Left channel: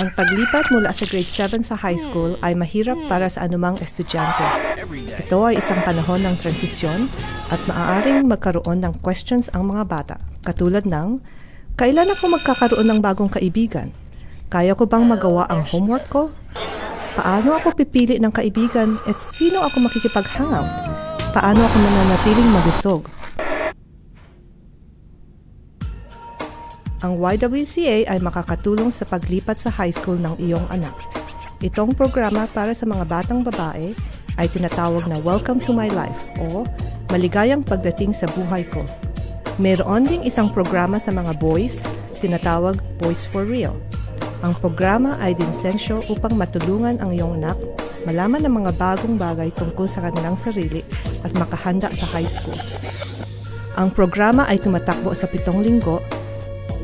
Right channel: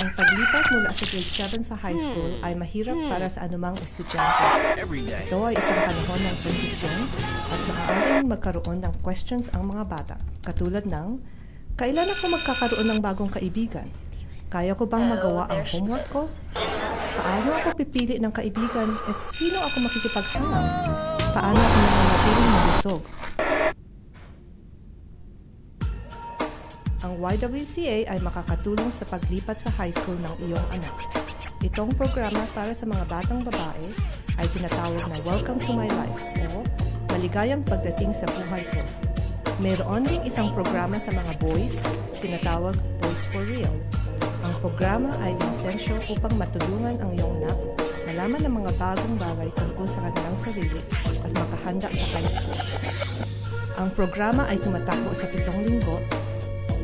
Ang paglipat mula sa grade 7 sa high school ay mahirap para sa anumang estudyante. Ito ay isang panahon ng transisyon at maaaring magkaroon ng questions ang mga bata. Katulad ng, kailan ako magkakaroon ng bagong kaibigan? Kaya ko bang magawa ang homework ko? Paano ako pipili ng kaibigan at sino ako makikipag-hangout? Paano ako nananatiling mabusog? Ang YWCA ay makakatulong sa paglipat sa high school ng iyong anak. Itong programa para sa mga batang babae ay tinatawag na Welcome to My Life o Maligayang Pagdating sa Buhay Ko. Mayroon ding isang programa sa mga boys, tinatawag Boys for Real. Ang programa ay dinsensyo upang matulungan ang iyong anak malaman ng mga bagong bagay tungkol sa kanilang sarili at makahanda sa high school. Ang programa ay tumatakbo sa 7 linggo,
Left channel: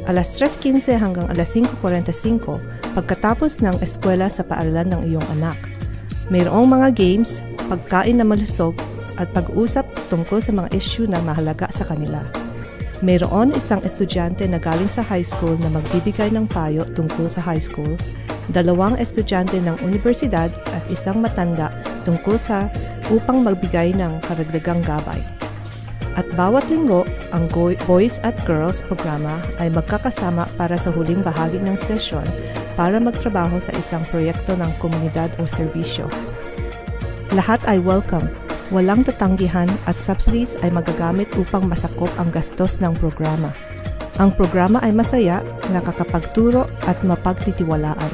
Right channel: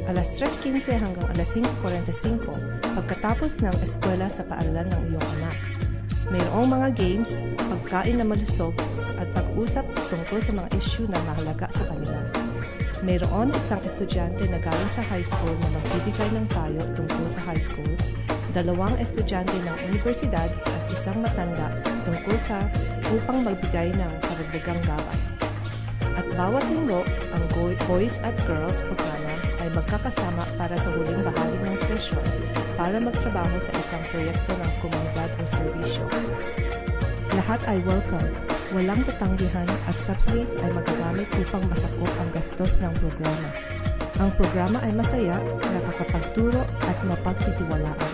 alas 3:15 hanggang alas 5:45 pagkatapos ng eskwela sa paaralan ng iyong anak. Mayroong mga games, pagkain na malusog at pag-usap tungkol sa mga issue na mahalaga sa kanila. Mayroon isang estudyante na galing sa high school na magbibigay ng payo tungkol sa high school, 2 estudyante ng universidad at isang matanda tungkol sa upang magbigay ng karagdagang gabay. At bawat linggo, ang Boys at Girls programa ay magkakasama para sa huling bahagi ng session para magtrabaho sa isang proyekto ng komunidad o serbisyo. Lahat ay welcome, walang tatanggihan at subsidies ay magagamit upang masakop ang gastos ng programa. Ang programa ay masaya, nakakapagturo at mapagtitiwalaan.